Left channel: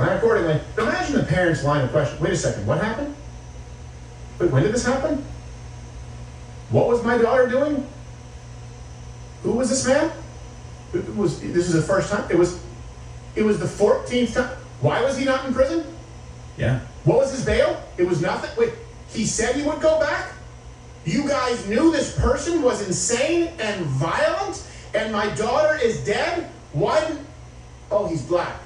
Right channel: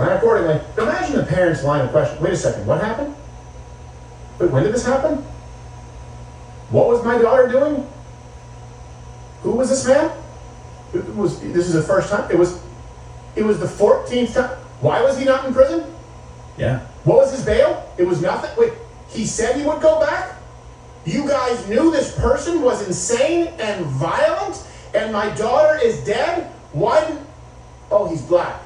Plan accordingly. Imagine the parents' line of question. Wait a second, what happened? Wait, when did this happen? What was my daughter doing? Who was this man? This is the first time? It was the 14th time. Why was he not in prison? Yeah. What was his bail? It was nothing. Wait, he said he would go back? You guys knew this person was insane and violent, and my daughter is dead? Why didn't... Oh, he's black.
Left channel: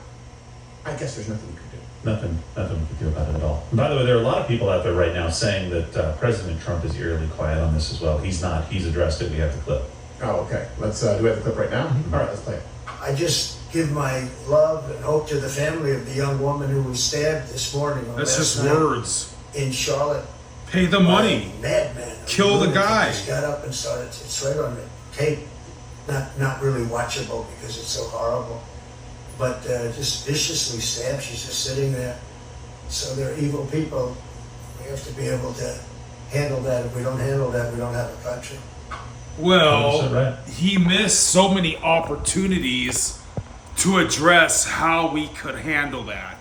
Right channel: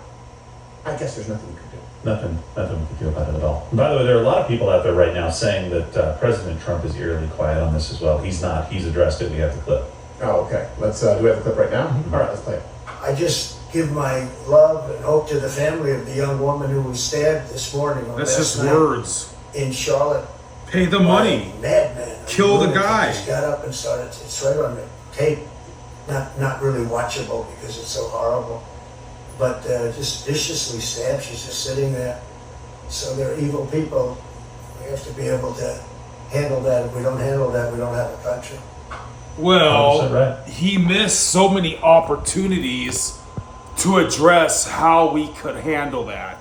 I guess there's nothing we could do. Nothing we could do about it at all. By the way, there are a lot of people out there right now saying that President Trump is eerily quiet on this as well. He's not. He's addressed it. We have the clip. Oh, okay. Let's, do we have the clip right now? All right, let's play it. I just give my love and hope to the family of the young woman who was stabbed this morning. That's just words. In Charlotte. Pay the money. Madman. Kill the guy. Just got up and started. It's right on the tape. Not really watchable because it's so horrible. But just viciously stabbed. She's just sitting there. So they're evil people. We have to be able to handle that. If we don't handle that, we don't have a country. Well, right. He missed so many opportunities to address how we could handle that.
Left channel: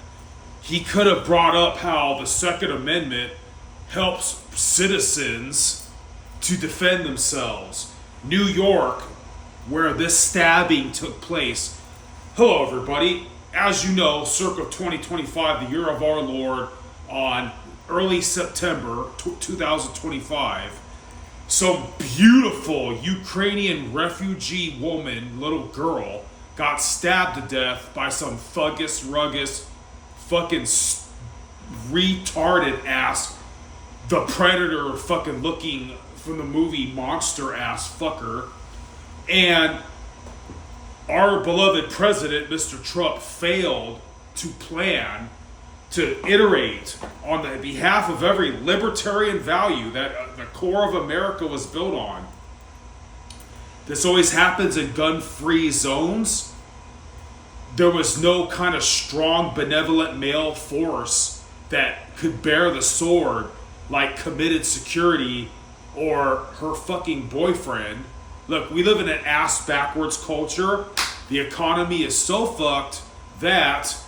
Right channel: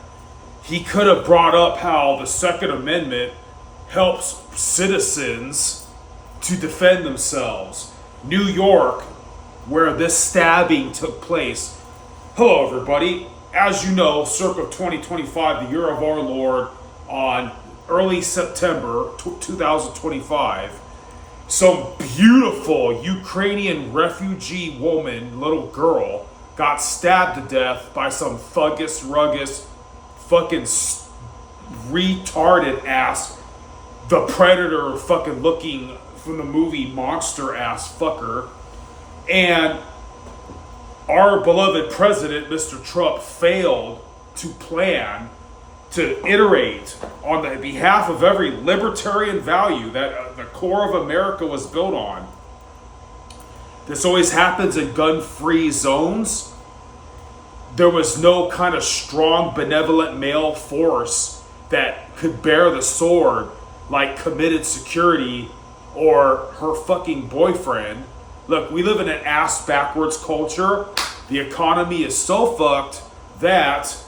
He could have brought up how the Second Amendment helps citizens to defend themselves. New York, where this stabbing took place. Hello, everybody. As you know, circa 2025, the year of our Lord, on early September 2025, some beautiful Ukrainian refugee woman, little girl, got stabbed to death by some thuggish, ruggish, fucking retarded ass, the Predator fucking looking from the movie monster ass fucker. And our beloved president, Mr. Trump, failed to plan to iterate on the behalf of every libertarian value that the core of America was built on. This always happens in gun-free zones. There was no kind of strong, benevolent male force that could bear the sword like Committed Security or her fucking boyfriend. Look, we live in an ass-backwards culture. The economy is so fucked that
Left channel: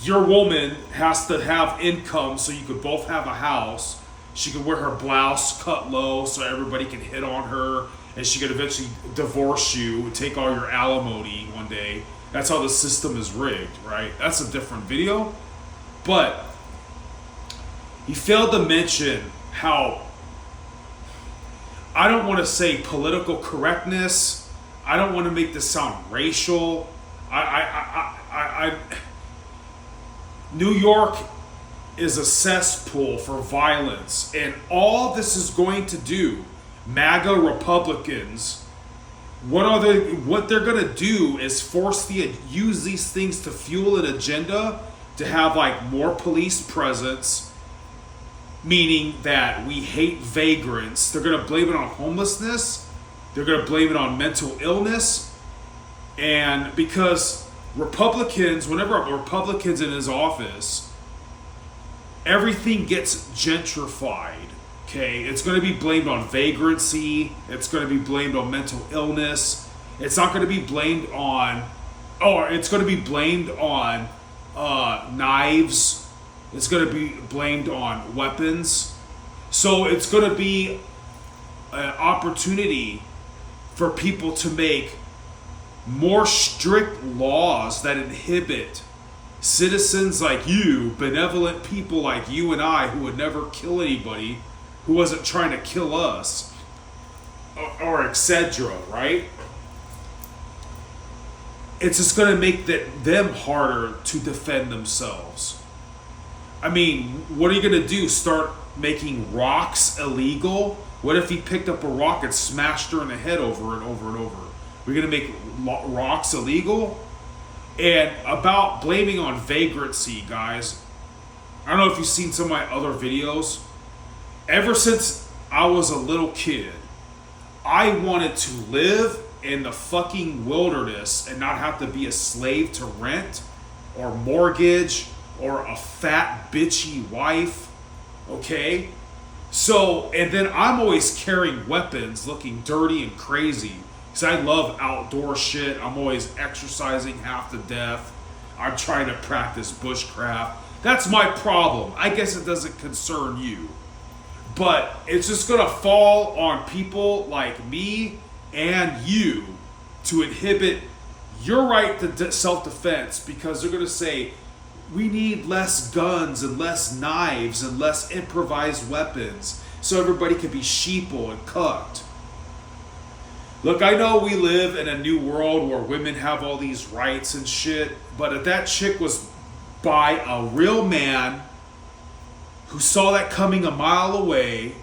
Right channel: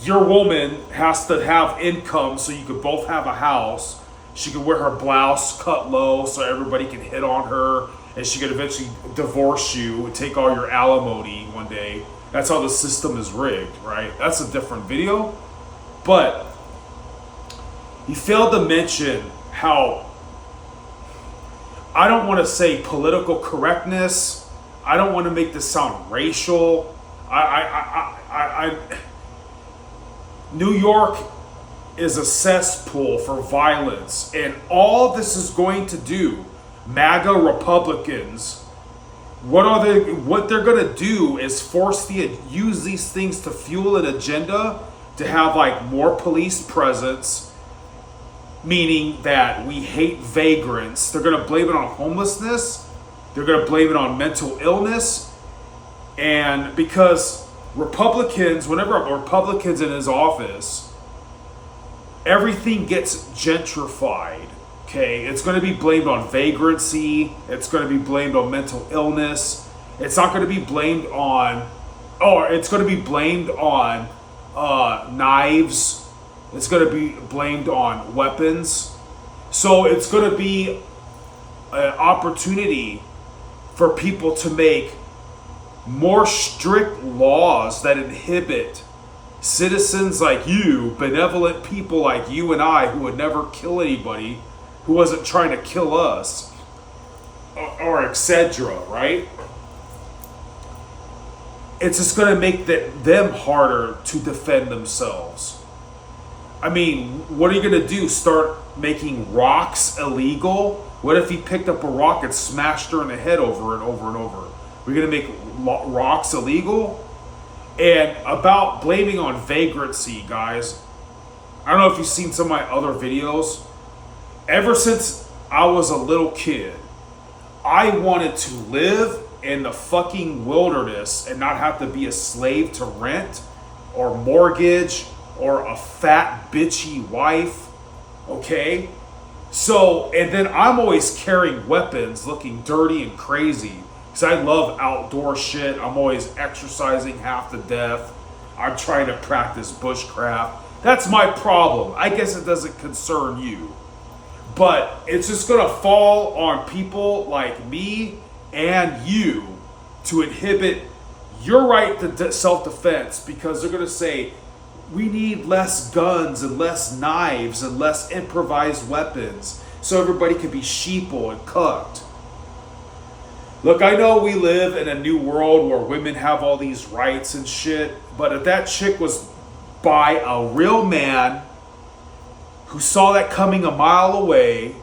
your woman has to have income so you could both have a house. She could wear her blouse cut low so everybody can hit on her, and she could eventually divorce you and take all your alimony one day. That's how the system is rigged, right? That's a different video. But he failed to mention how, I don't want to say political correctness. I don't want to make this sound racial. New York is a cesspool for violence, and all this is going to do, MAGA Republicans, what they're going to do is use these things to fuel an agenda to have like more police presence, meaning that we hate vagrants. They're going to blame it on homelessness. They're going to blame it on mental illness. And because Republicans, whenever a Republican's in his office, everything gets gentrified, okay? It's going to be blamed on vagrancy. It's going to be blamed on mental illness. It's not going to be blamed on, it's going to be blamed on knives. It's going to be blamed on weapons. So it's going to be an opportunity for people to make more strict laws that inhibit citizens like you, benevolent people like you and I, who would never kill anybody who wasn't trying to kill us, or etc., right? It's just going to make them harder to defend themselves. I mean, what are you going to do? Start making rocks illegal? What if he picked up a rock and smashed her in the head over and over and over? We're going to make rocks illegal? And about blaming on vagrancy, guys, I don't know if you've seen some of my other videos. Ever since I was a little kid, I wanted to live in the fucking wilderness and not have to be a slave to rent or mortgage or a fat bitchy wife, okay? So, and then I'm always carrying weapons looking dirty and crazy because I love outdoor shit. I'm always exercising half to death. I'm trying to practice bushcraft. That's my problem. I guess it doesn't concern you. But it's just gonna fall on people like me and you to inhibit your right to self-defense, because they're gonna say, we need less guns and less knives and less improvised weapons so everybody can be sheeple and cucked. Look, I know we live in a new world where women have all these rights and shit, but if that chick was by a real man who saw that coming a mile away,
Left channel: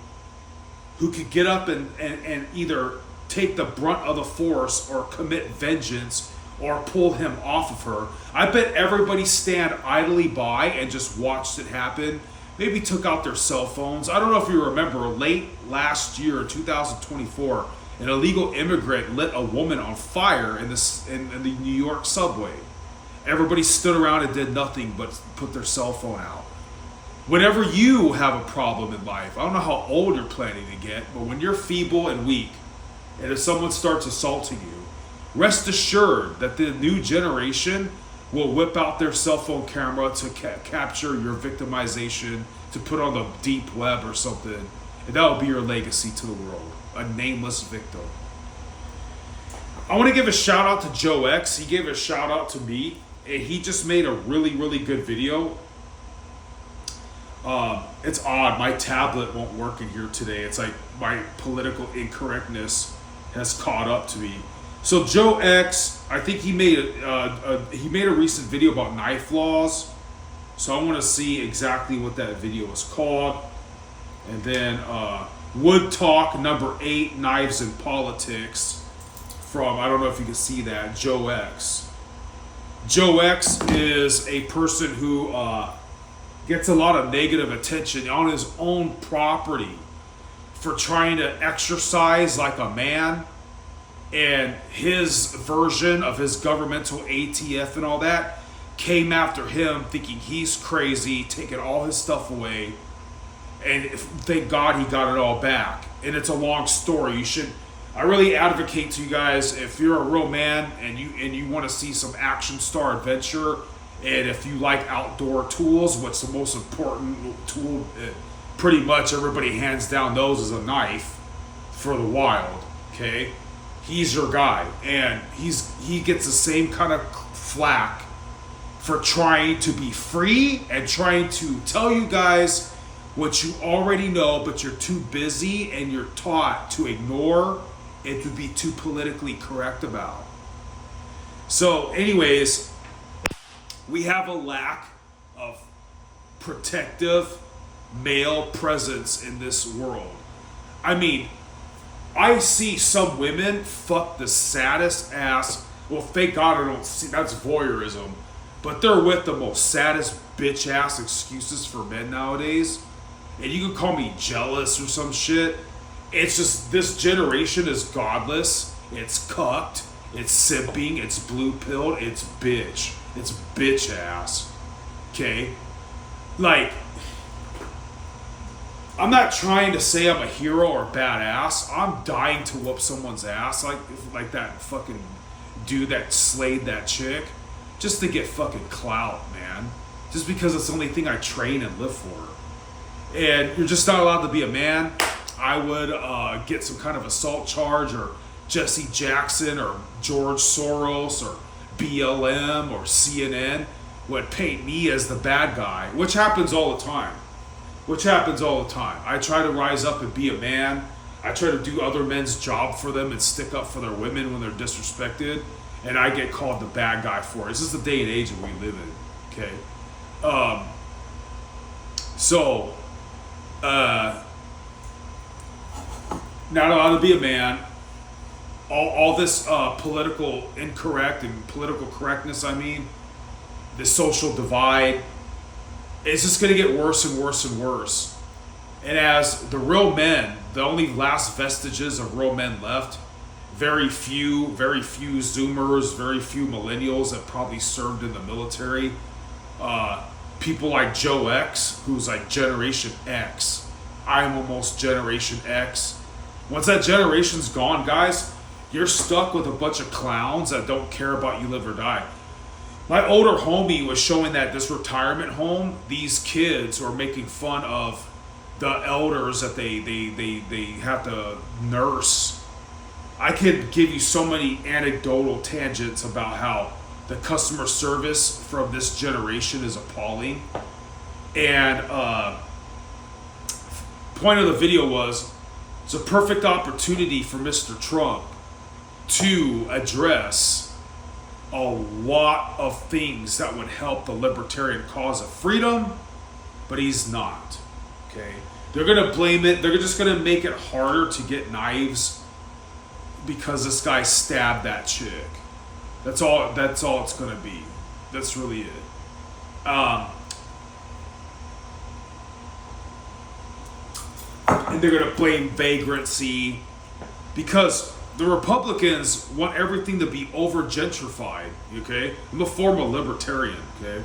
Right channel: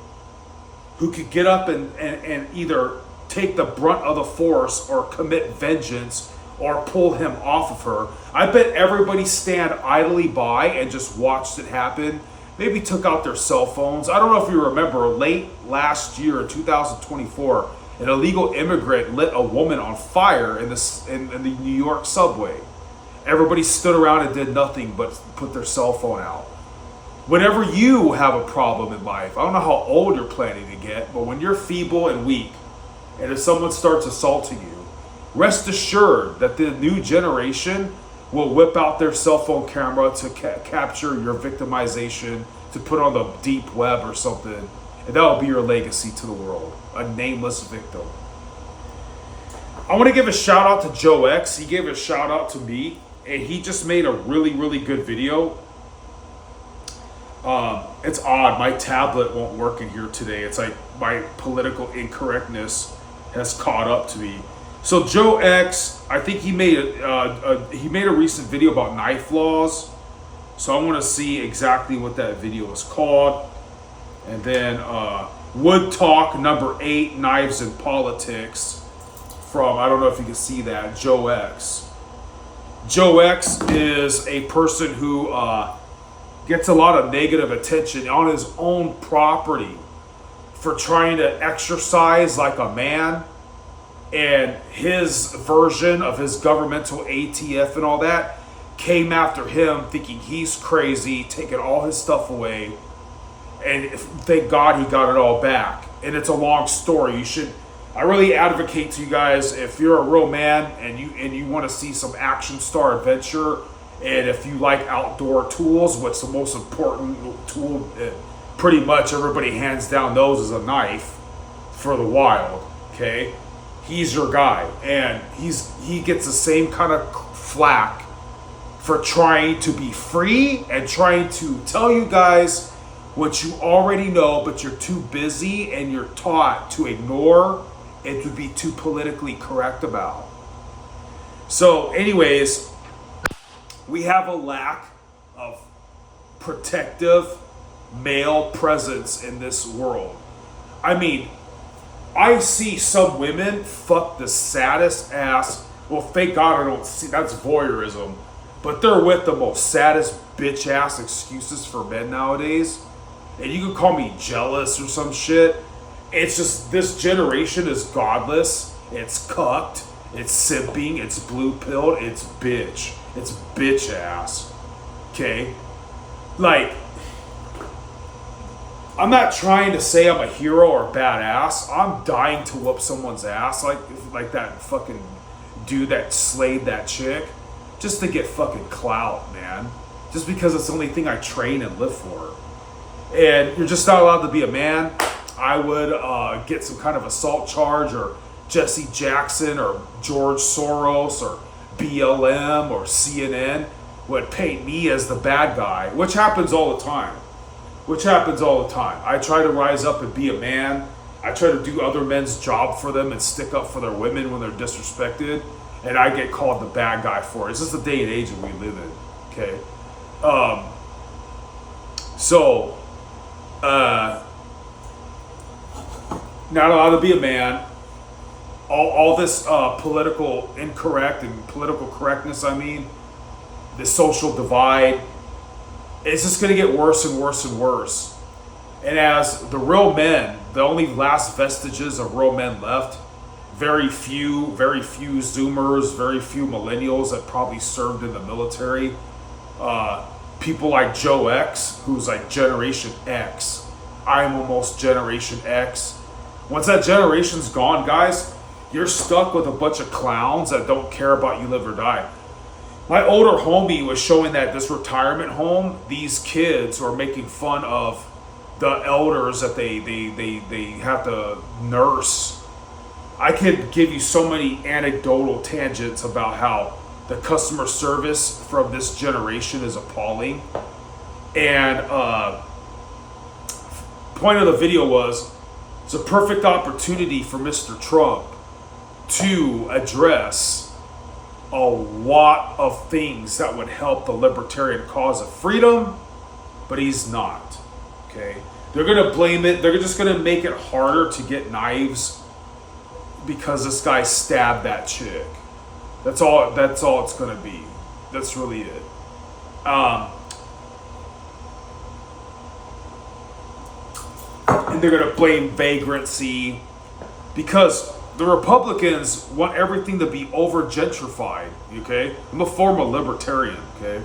who could get up and either take the brunt of the force or commit vengeance or pull him off of her, I bet everybody stand idly by and just watched it happen. Maybe took out their cell phones. I don't know if you remember, late last year, 2024, an illegal immigrant lit a woman on fire in the New York subway. Everybody stood around and did nothing but put their cell phone out. Whenever you have a problem in life, I don't know how old you're planning to get, but when you're feeble and weak, and if someone starts assaulting you, rest assured that the new generation will whip out their cell phone camera to capture your victimization, to put on the deep web or something, and that will be your legacy to the world, a nameless victim. I want to give a shout out to Joe X. He gave a shout out to me, and he just made a really, really good video. It's odd, my tablet won't work in here today. It's like my political incorrectness has caught up to me. So Joe X, I think he made a recent video about knife laws. So I want to see exactly what that video is called. And then Wood Talk number 8, Knives in Politics, from, I don't know if you can see that, Joe X. Joe X is a person who gets a lot of negative attention on his own property for trying to exercise like a man. And his version of his governmental ATF and all that came after him, thinking he's crazy, taking all his stuff away. And thank God he got it all back. And it's a long story. I really advocate to you guys, if you're a real man and you want to see some action star adventure, and if you like outdoor tools, what's the most important tool? Pretty much everybody hands down knows is a knife for the wild. Okay. He's your guy, and he gets the same kind of flack for trying to be free and trying to tell you guys what you already know, but you're too busy and you're taught to ignore and to be too politically correct about. So anyways, we have a lack of protective male presence in this world. I mean, I see some women fuck the saddest ass. Well, thank God I don't see, that's voyeurism. But they're with the most saddest bitch ass excuses for men nowadays. And you can call me jealous or some shit. It's just, this generation is godless. It's cucked. It's simping. It's blue pilled. It's bitch. It's bitch ass. Okay? Like, I'm not trying to say I'm a hero or a badass. I'm dying to whoop someone's ass like that fucking dude that slayed that chick, just to get fucking clout, man. Just because it's the only thing I train and live for. And you're just not allowed to be a man. I would get some kind of assault charge, or Jesse Jackson or George Soros or BLM or CNN would paint me as the bad guy, which happens all the time. I try to rise up and be a man. I try to do other men's job for them and stick up for their women when they're disrespected. And I get called the bad guy for it. It's just the day and age that we live in. Okay. Not allowed to be a man. All this political incorrect and political correctness, the social divide, it's just going to get worse and worse and worse. And as the real men, the only last vestiges of real men left, very few Zoomers, very few millennials that probably served in the military, people like Joe X, who's like Generation X. I am almost Generation X. Once that generation's gone, guys, you're stuck with a bunch of clowns that don't care about you live or die. My older homie was showing that this retirement home, these kids are making fun of the elders that they have to nurse. I could give you so many anecdotal tangents about how the customer service from this generation is appalling. And point of the video was, it's a perfect opportunity for Mr. Trump to address a lot of things that would help the libertarian cause of freedom, but he's not. Okay, they're gonna blame it. They're just gonna make it harder to get knives because this guy stabbed that chick. That's all it's gonna be. That's really it. And they're gonna blame vagrancy because the Republicans want everything to be over gentrified. Okay, I'm a former libertarian. Okay,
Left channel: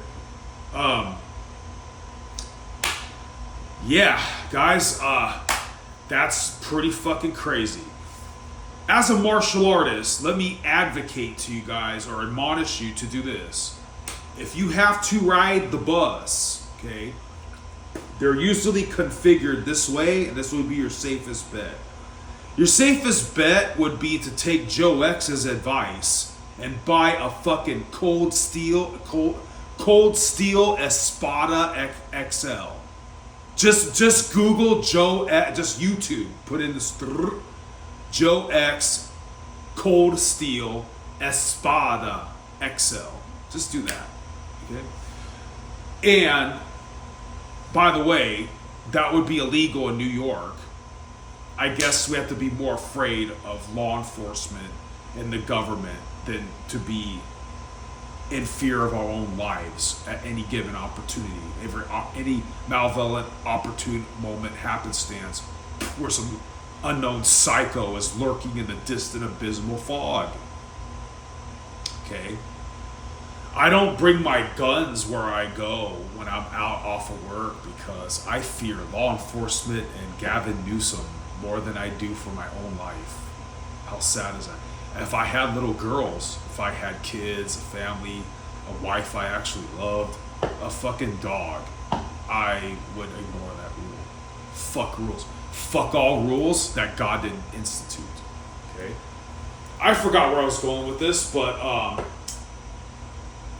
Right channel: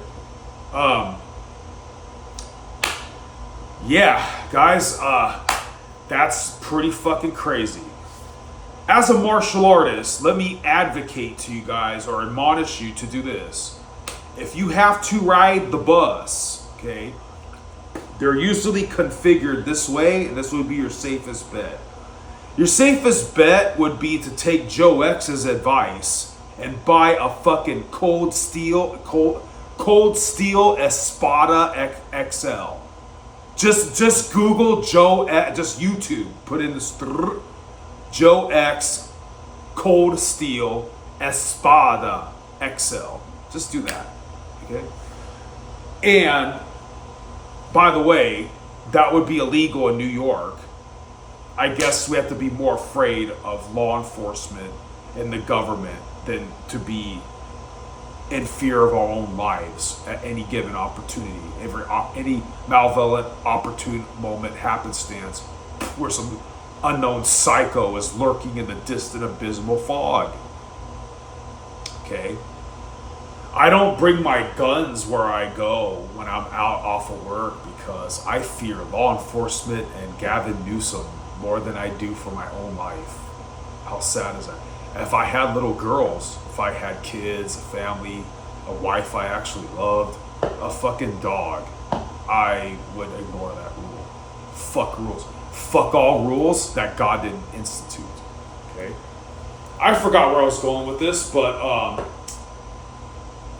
yeah, guys, that's pretty fucking crazy. As a martial artist, let me advocate to you guys or admonish you to do this. If you have to ride the bus, okay, they're usually configured this way, and this would be your safest bet. Your safest bet would be to take Joe X's advice and buy a fucking cold steel Espada XL. Just Google Joe, just YouTube, put in this Joe X Cold Steel Espada XL. Just do that, okay? And by the way, that would be illegal in New York. I guess we have to be more afraid of law enforcement and the government than to be in fear of our own lives at any given opportunity. Any malevolent, opportune moment, happenstance, where some unknown psycho is lurking in the distant abysmal fog. Okay? I don't bring my guns where I go when I'm out off of work because I fear law enforcement and Gavin Newsom more than I do for my own life. How sad is that? If I had little girls, if I had kids, a family, a wife I actually loved, a fucking dog, I would ignore that rule. Fuck rules. Fuck all rules that God didn't institute. Okay? I forgot where I was going with this, but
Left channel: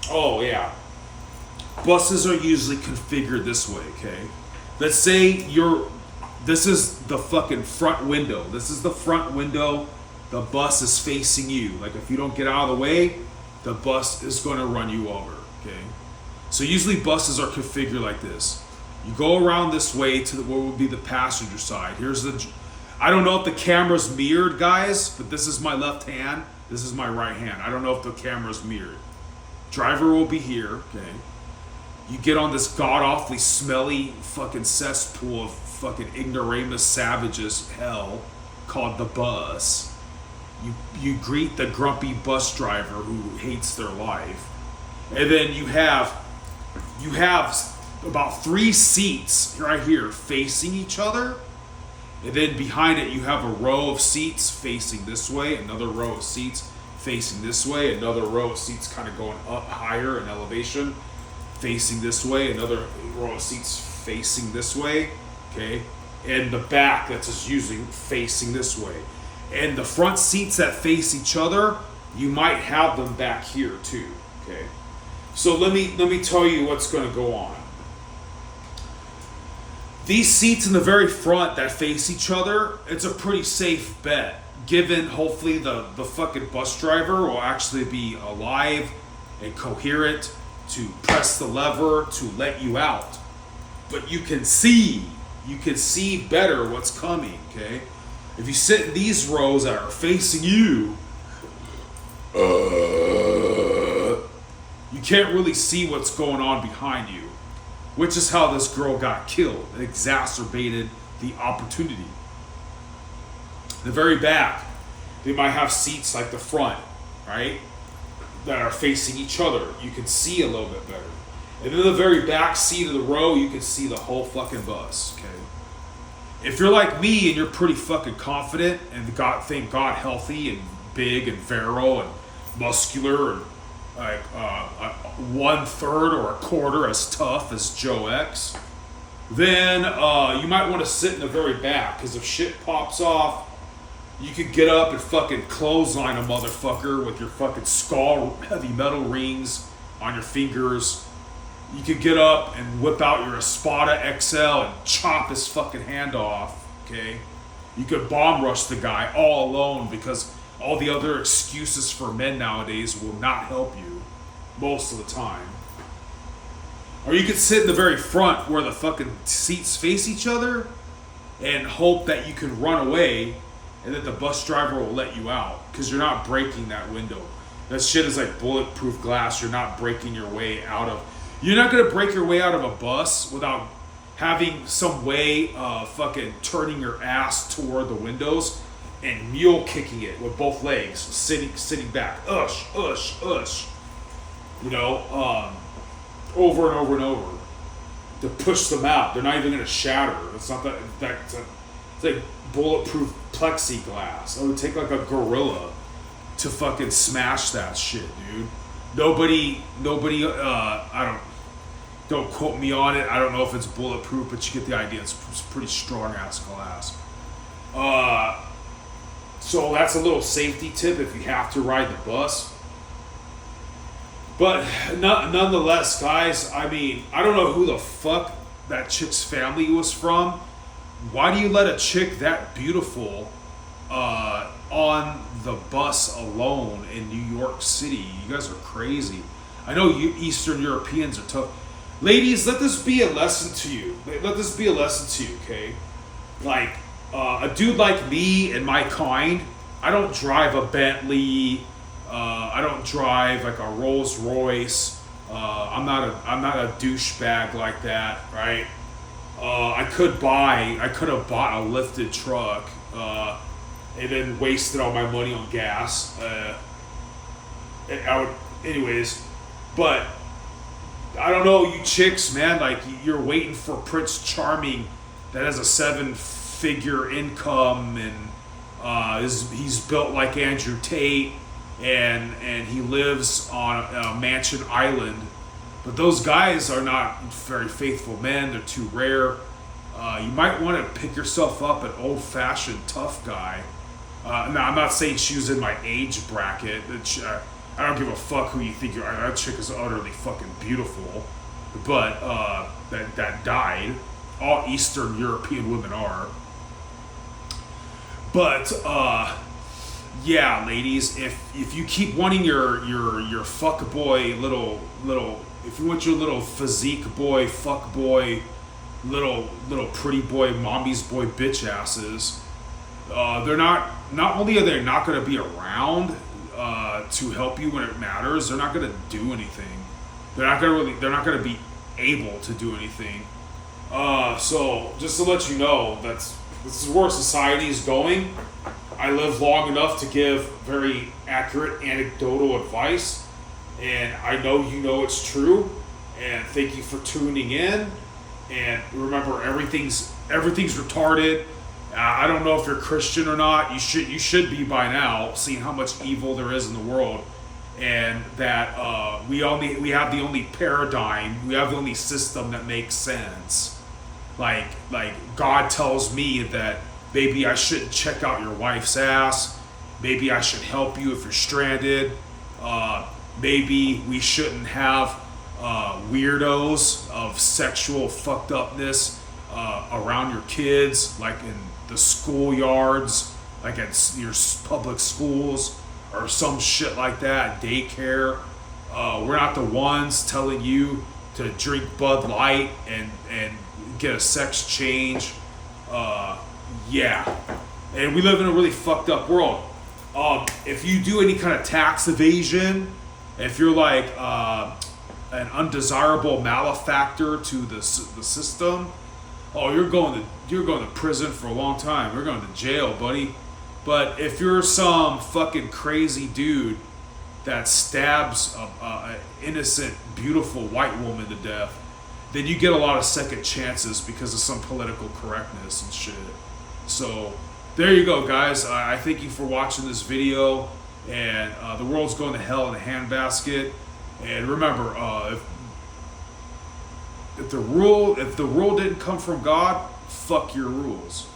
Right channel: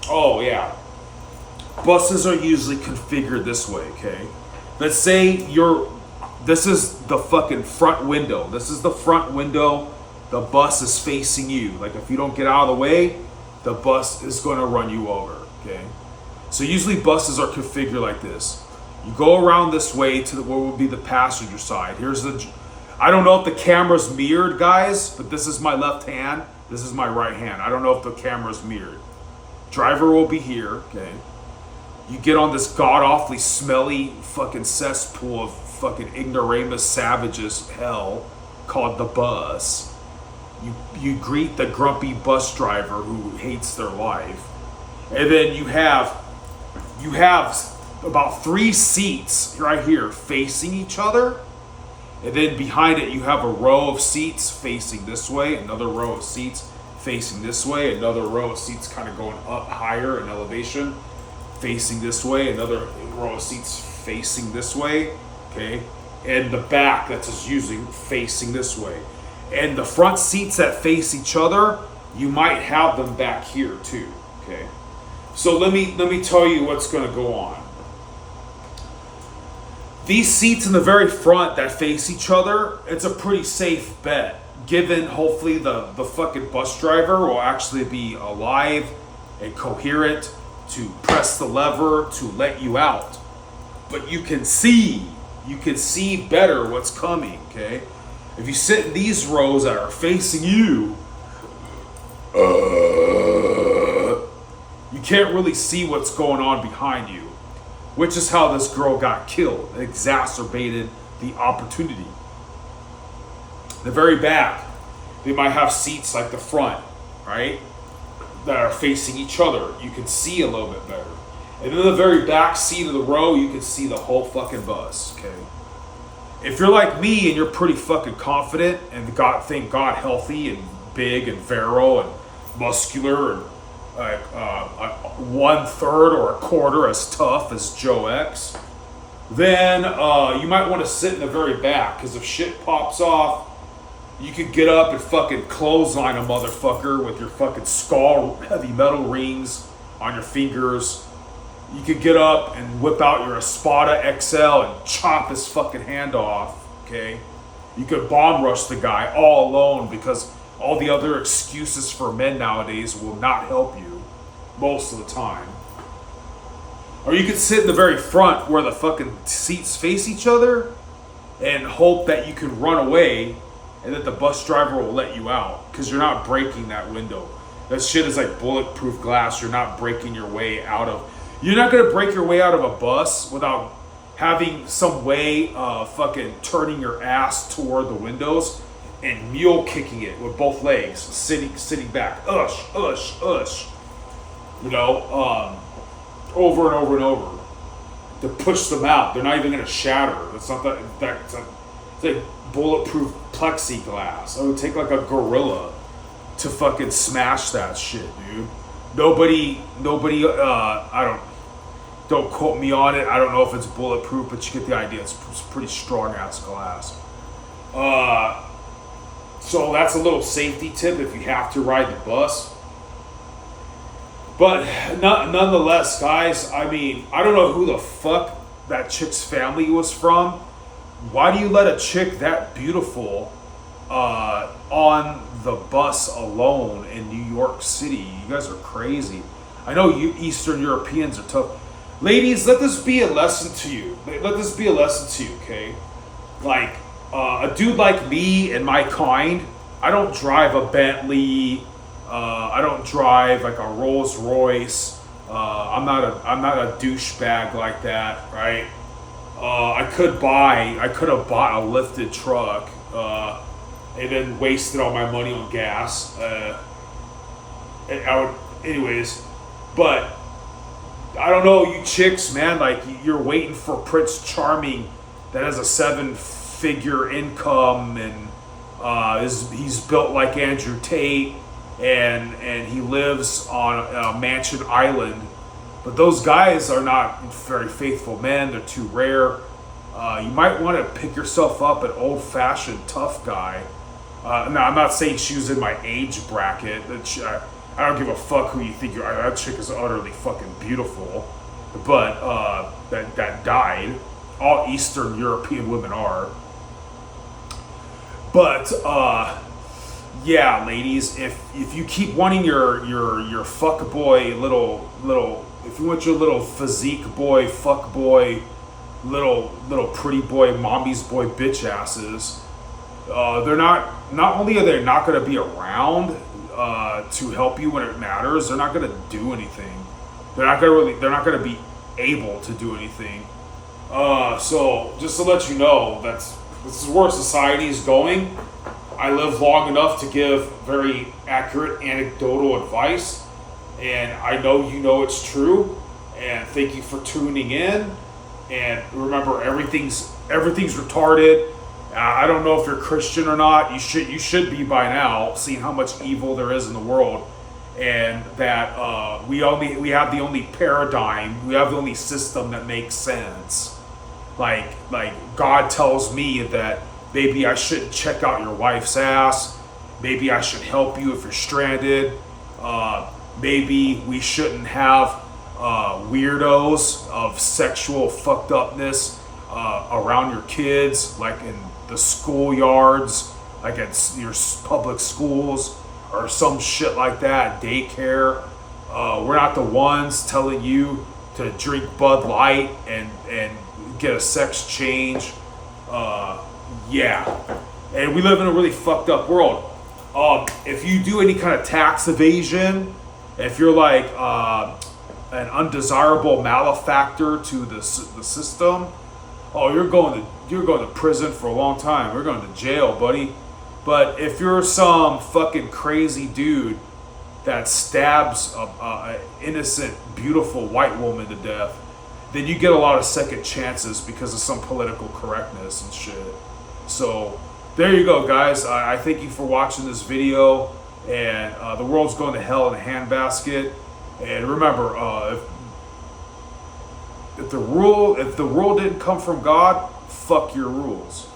oh yeah. Buses are usually configured this way, okay? Let's say this is the fucking front window. This is the front window. The bus is facing you. Like if you don't get out of the way, the bus is gonna run you over, okay? So usually buses are configured like this. You go around this way to what would be the passenger side. I don't know if the camera's mirrored, guys, but this is my left hand. This is my right hand. I don't know if the camera's mirrored. Driver will be here, okay? You get on this god-awfully smelly fucking cesspool of fucking ignoramus savages hell called the bus. You greet the grumpy bus driver who hates their life. And then you have about 3 seats right here facing each other. And then behind it you have a row of seats facing this way, another row of seats facing this way, another row of seats kind of going up higher in elevation, facing this way, another row of seats facing this way, okay? And the back that's just using facing this way. And the front seats that face each other, you might have them back here too, okay? So let me tell you what's gonna go on. These seats in the very front that face each other, it's a pretty safe bet, given hopefully the fucking bus driver will actually be alive and coherent to press the lever to let you out. But you can see better what's coming, okay? If you sit in these rows that are facing you, you can't really see what's going on behind you, which is how this girl got killed. It exacerbated the opportunity. The very back, they might have seats like the front, right? That are facing each other. You can see a little bit better. And then the very back seat of the row, you can see the whole fucking bus, okay? If you're like me and you're pretty fucking confident and thank God healthy and big and virile and muscular and 1/3 or a quarter as tough as Joe X, then you might want to sit in the very back, because if shit pops off, you could get up and fucking clothesline a motherfucker with your fucking skull heavy metal rings on your fingers. You could get up and whip out your Espada XL and chop his fucking hand off, okay? You could bomb rush the guy all alone, because all the other excuses for men nowadays will not help you most of the time. Or you could sit in the very front where the fucking seats face each other and hope that you can run away and that the bus driver will let you out, because you're not breaking that window. That shit is like bulletproof glass. You're not breaking your way out of... You're not going to break your way out of a bus without having some way of fucking turning your ass toward the windows and mule kicking it with both legs, sitting back. Ush, ush, ush. You know, over and over and over to push them out. They're not even going to shatter. It's not that it's like bulletproof plexiglass. I would take like a gorilla to fucking smash that shit, dude. Nobody, don't quote me on it. I don't know if it's bulletproof, but you get the idea. It's pretty strong ass glass. So that's a little safety tip if you have to ride the bus. But nonetheless, guys, I mean, I don't know who the fuck that chick's family was from. Why do you let a chick that beautiful on the bus alone in New York City? You guys are crazy. I know you Eastern Europeans are tough. Ladies, let this be a lesson to you. Let this be a lesson to you, okay? Like, a dude like me and my kind, I don't drive a Bentley. I don't drive like a Rolls Royce. I'm not a douchebag like that, right? I could have bought a lifted truck and then wasted all my money on gas. Anyways, but I don't know, you chicks, man. Like, you're waiting for Prince Charming that has a 7-figure income and he's built like Andrew Tate. And he lives on a mansion island, but those guys are not very faithful men. They're too rare. You might want to pick yourself up an old-fashioned tough guy. Now, I'm not saying she was in my age bracket. I don't give a fuck who you think you are. That chick is utterly fucking beautiful, but that died. All Eastern European women are. But yeah, ladies, if you keep wanting your fuck boy little if you want your little physique boy, fuck boy, little pretty boy, mommy's boy bitch asses, they're not only are they not going to be around to help you when it matters, they're not going to do anything. They're not going to be able to do anything. So just to let you know, this is where society is going. I live long enough to give very accurate anecdotal advice, and I know you know it's true. And thank you for tuning in. And remember, everything's retarded. I don't know if you're Christian or not. You should be by now, seeing how much evil there is in the world, and that we have the only paradigm, we have the only system that makes sense. Like God tells me that maybe I shouldn't check out your wife's ass. Maybe I should help you if you're stranded. Maybe we shouldn't have weirdos of sexual fucked upness around your kids, like in the schoolyards, like at your public schools or some shit like that, daycare. We're not the ones telling you to drink Bud Light and get a sex change. Yeah, and we live in a really fucked up world. If you do any kind of tax evasion, if you're like an undesirable malefactor to the system, you're going to prison for a long time. We're going to jail, buddy. But if you're some fucking crazy dude that stabs an innocent, beautiful white woman to death, then you get a lot of second chances because of some political correctness and shit. So there you go, guys. I thank you for watching this video, and the world's going to hell in a handbasket, And remember, if the rule didn't come from God, fuck your rules.